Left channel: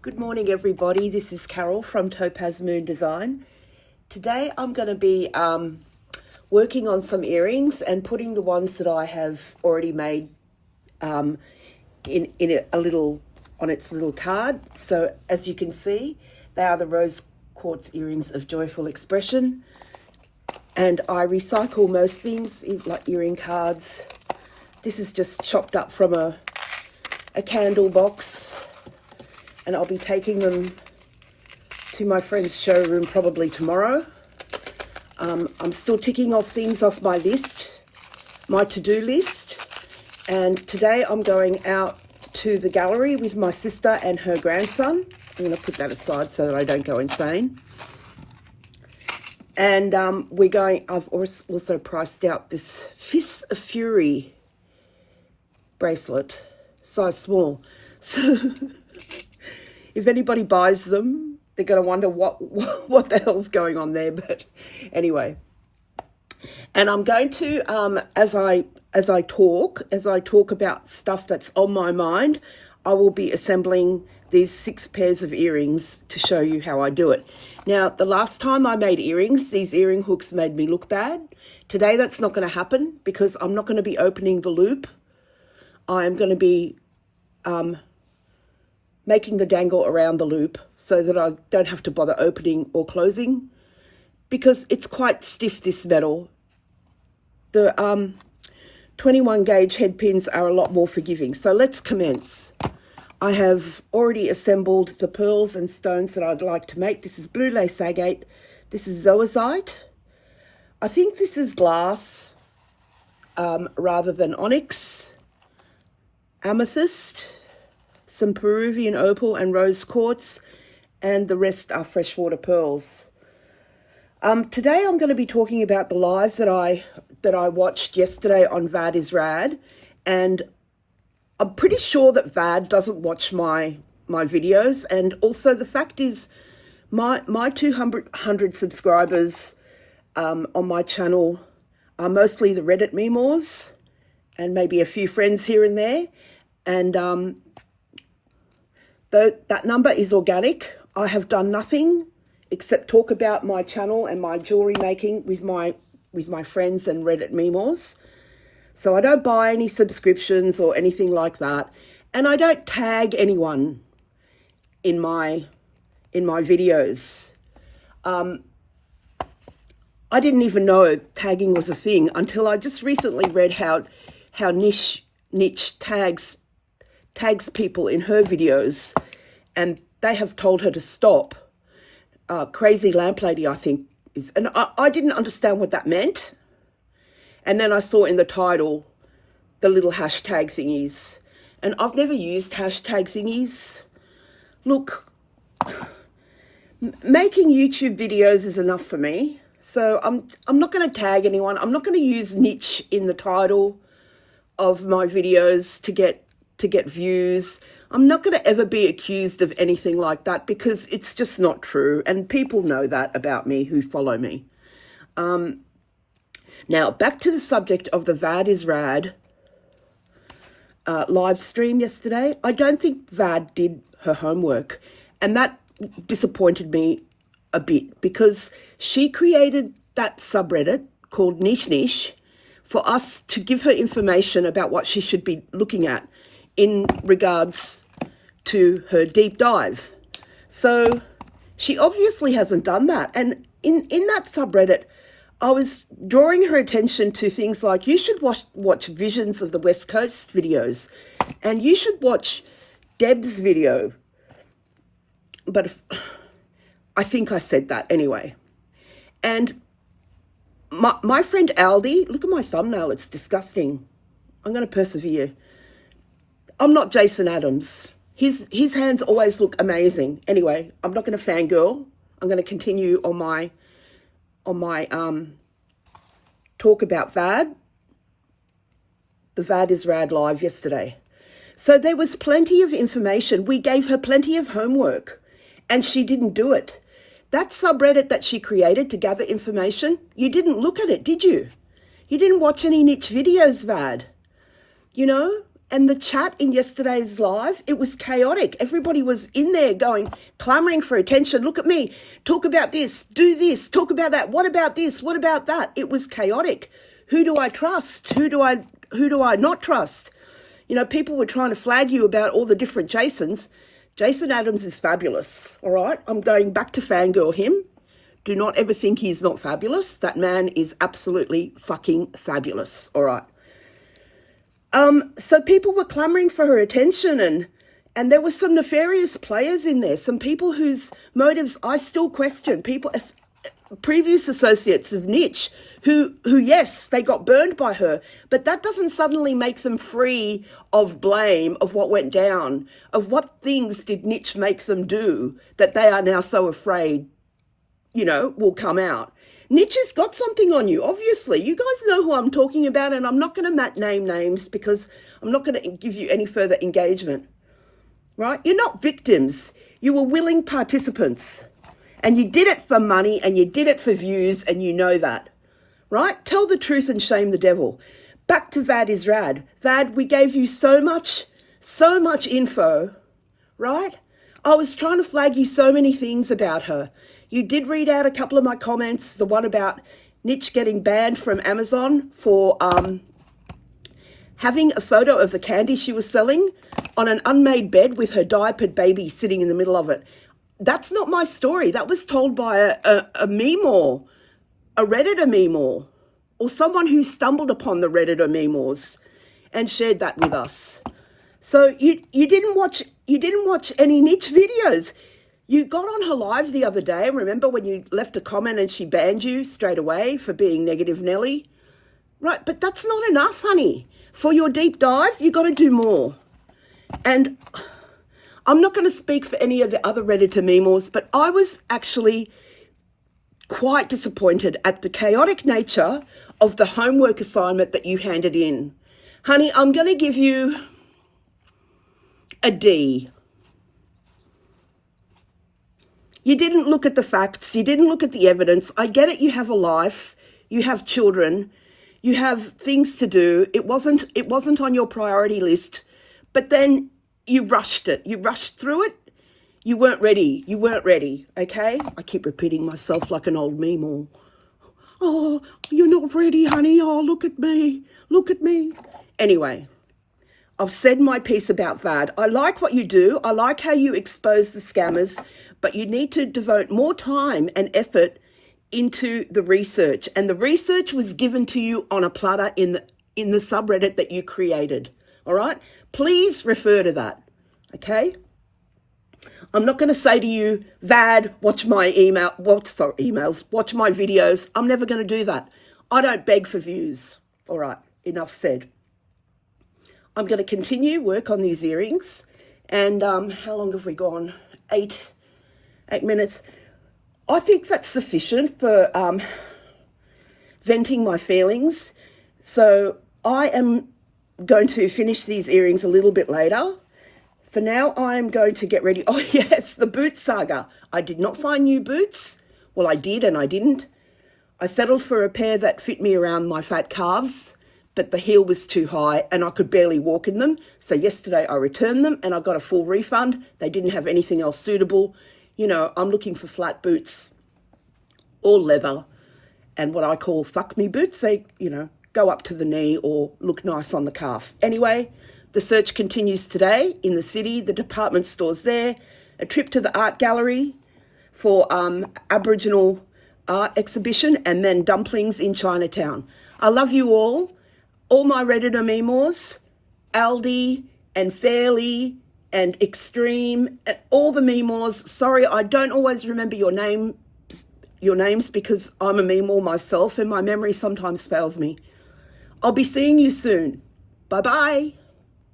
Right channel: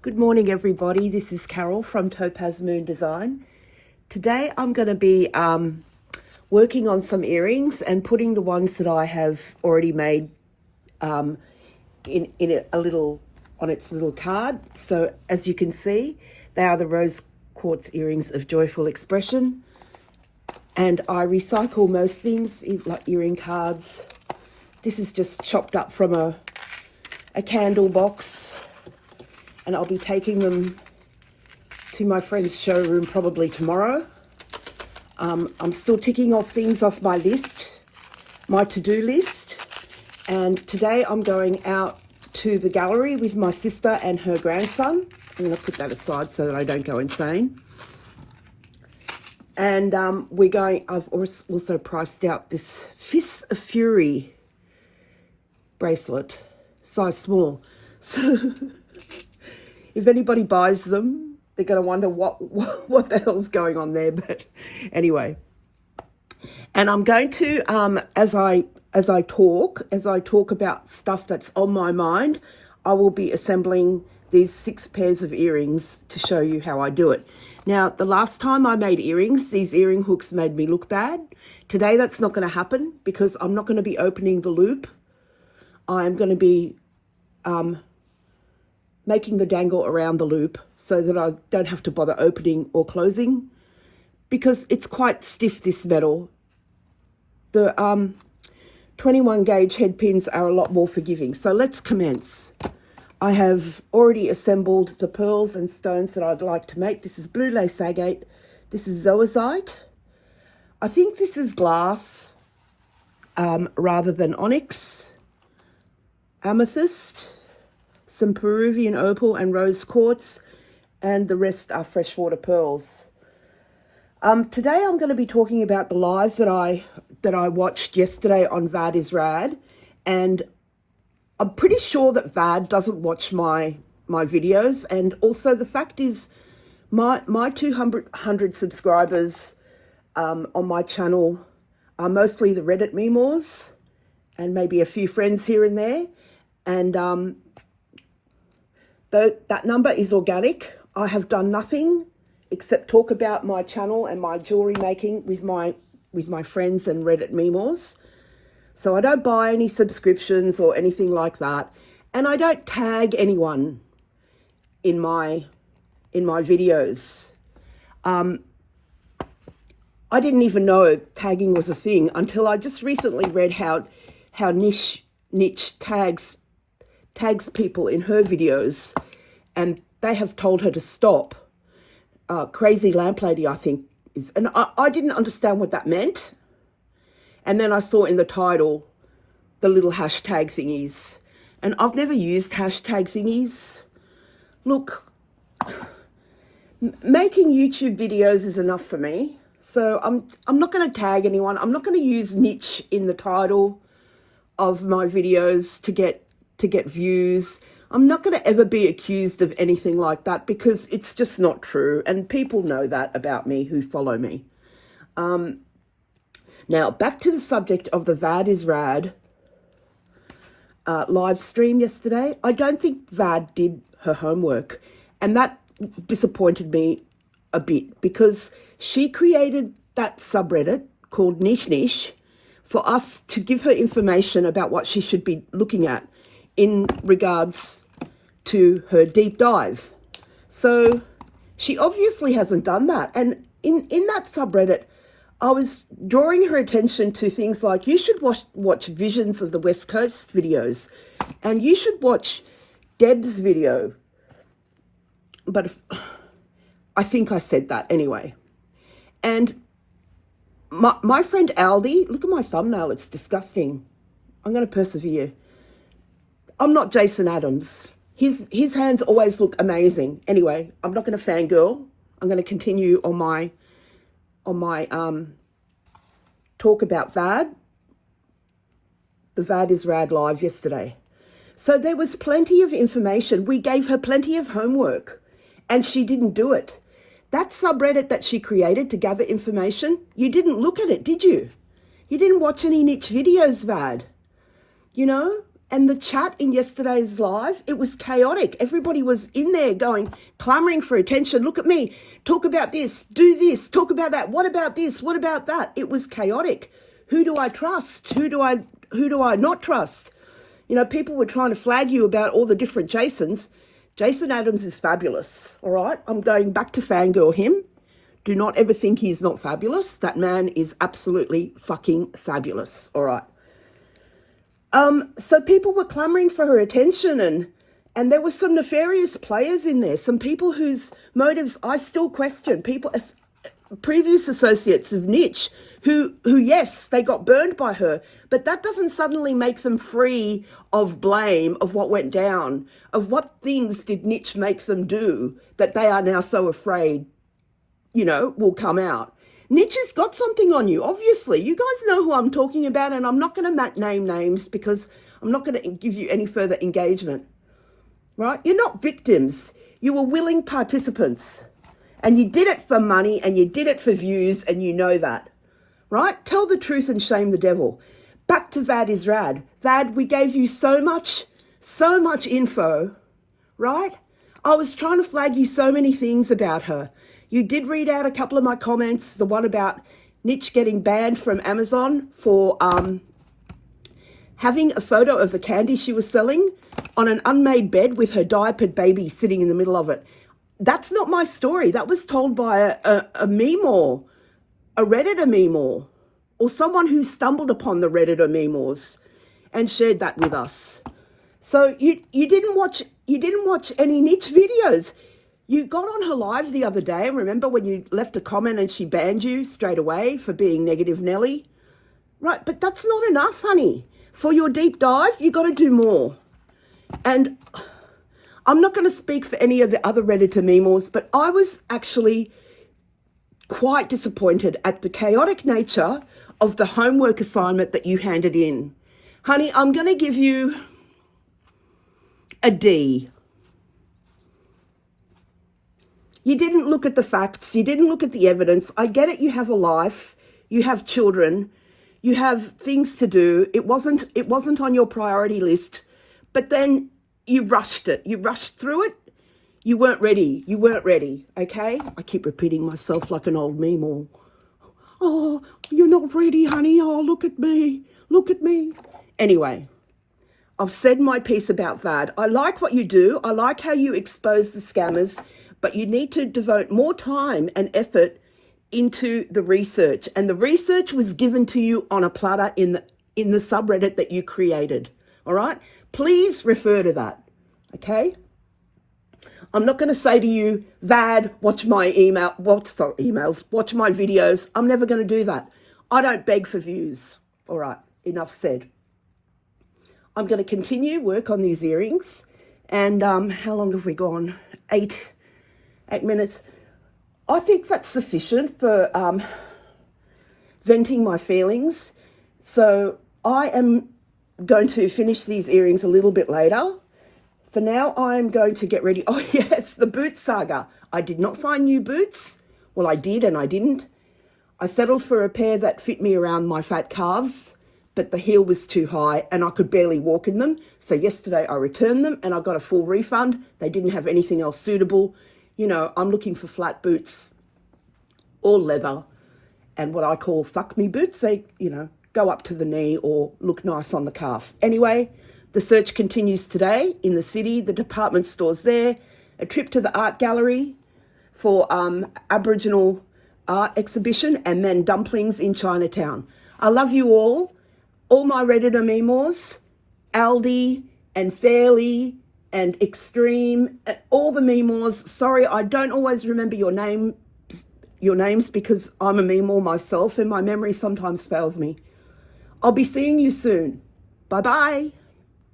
Good morning, everybody. This is Carol from TopazMoon Design. Today I'm going to be working on some earrings and putting the ones that I have already made on its little card. So as you can see, they are the rose quartz earrings of joyful expression. And I recycle most things, like earring cards. This is just chopped up from a candle box. And I'll be taking them to my friend's showroom probably tomorrow. I'm still ticking off things off my list, my to-do list. And today I'm going out to the gallery with my sister and her grandson. I'm going to put that aside so that I don't go insane. And I've also priced out this Fist of Fury bracelet, size small. So if anybody buys them, they're going to wonder what the hell's going on there. But anyway, and I'm going to as I talk about stuff that's on my mind, I will be assembling these 6 pairs of earrings to show you how I do it. Now, the last time I made earrings, these earring hooks made me look bad. Today that's not going to happen because I'm not going to be opening the loop. I'm going to be making the dangle around the loop so that I don't have to bother opening or closing, because it's quite stiff, this metal. The 21 gauge head pins are a lot more forgiving. So let's commence. I have already assembled the pearls and stones that I'd like to make. This is blue lace agate. This is zoisite. I think this is glass rather than onyx. Amethyst. Some Peruvian opal and rose quartz, and the rest are freshwater pearls. Today I'm going to be talking about the live that I watched yesterday on Vad is Rad, and I'm pretty sure that Vad doesn't watch my videos. And also the fact is, my 200 subscribers on my channel are mostly the Reddit memoirs and maybe a few friends here and there, and though that number is organic. I have done nothing except talk about my channel and my jewelry making with my friends and Reddit memoirs. So I don't buy any subscriptions or anything like that, and I don't tag anyone in my videos. I didn't even know tagging was a thing until I just recently read how niche tags people in her videos, and they have told her to stop. Crazy Lamp Lady, I think, is, and I didn't understand what that meant. And then I saw in the title the little hashtag thingies, and I've never used hashtag thingies. Look, making YouTube videos is enough for me, so I'm not going to tag anyone. I'm not going to use niche in the title of my videos to get views. I'm not going to ever be accused of anything like that, because it's just not true, and people know that about me who follow me. Now back to the subject of the Vad is Rad live stream yesterday. I don't think Vad did her homework, and that disappointed me a bit, because she created that subreddit called Niche Niche for us to give her information about what she should be looking at in regards to her deep dive. So she obviously hasn't done that. And in that subreddit, I was drawing her attention to things like, you should watch Visions of the West Coast videos, and you should watch Deb's video. But I think I said that anyway. And my friend Aldi, look at my thumbnail, it's disgusting. I'm going to persevere. I'm not Jason Adams. His hands always look amazing. Anyway, I'm not going to fangirl. I'm going to continue on my talk about Vad. The Vad is Rad live yesterday. So there was plenty of information. We gave her plenty of homework, and she didn't do it. That subreddit that she created to gather information, you didn't look at it, did you? You didn't watch any niche videos, Vad. You know, And the chat in yesterday's live, it was chaotic. Everybody was in there clamoring for attention. Look at me, talk about this, do this, talk about that. What about this? What about that? It was chaotic. Who do I trust? Who do I not trust? You know, people were trying to flag you about all the different Jasons. Jason Adams is fabulous, all right? I'm going back to fangirl him. Do not ever think he's not fabulous. That man is absolutely fucking fabulous, all right? So people were clamoring for her attention, and there were some nefarious players in there, some people whose motives I still question, people, previous associates of Niche, who yes, they got burned by her, but that doesn't suddenly make them free of blame of what went down, of what things did Niche make them do that they are now so afraid, you know, will come out. Niche has got something on you, obviously. You guys know who I'm talking about, and I'm not going to name names because I'm not going to give you any further engagement, right? You're not victims. You were willing participants, and you did it for money, and you did it for views, and you know that, right? Tell the truth and shame the devil. Back to Vad is Rad. Vad, we gave you so much info, right? I was trying to flag you so many things about her. You did read out a couple of my comments, the one about Niche getting banned from Amazon for having a photo of the candy she was selling on an unmade bed with her diapered baby sitting in the middle of it. That's not my story. That was told by a meme-or, a Redditor meme-or, or someone who stumbled upon the Redditor meme-ors and shared that with us. So you didn't watch any Niche videos. You got on her live the other day, remember when you left a comment and she banned you straight away for being negative Nelly? Right, but that's not enough, honey. For your deep dive, you got to do more. And I'm not going to speak for any of the other Redditor meme-ors, but I was actually quite disappointed at the chaotic nature of the homework assignment that you handed in. Honey, I'm going to give you a D. You didn't look at the facts. You didn't look at the evidence. I get it. You have a life. You have children. You have things to do. It wasn't on your priority list. But then you rushed it. You rushed through it. You weren't ready. You weren't ready. Okay? I keep repeating myself like an old meme. Oh, you're not ready, honey. Oh, look at me. Look at me. Anyway, I've said my piece about Vad. I like what you do. I like how you expose the scammers. But you need to devote more time and effort into the research. And the research was given to you on a platter in the subreddit that you created. All right? Please refer to that. Okay? I'm not going to say to you, Vad, watch my emails, watch my videos. I'm never going to do that. I don't beg for views. All right, enough said. I'm going to continue work on these earrings. And how long have we gone? 8 minutes. I think that's sufficient for venting my feelings. So I am going to finish these earrings a little bit later. For now, I'm going to get ready. Oh, yes, the boot saga. I did not find new boots. Well, I did and I didn't. I settled for a pair that fit me around my fat calves, but the heel was too high and I could barely walk in them. So yesterday I returned them and I got a full refund. They didn't have anything else suitable. You know, I'm looking for flat boots, all leather, and what I call fuck me boots. They, you know, go up to the knee or look nice on the calf. Anyway, the search continues today in the city, the department stores there, a trip to the art gallery for Aboriginal art exhibition, and then dumplings in Chinatown. I love you all my Redditor meme-ors, Aldi and Fairly and Extreme, and all the meme-ors. Sorry, I don't always remember your names because I'm a meme-or myself and my memory sometimes fails me. I'll be seeing you soon. Bye-bye.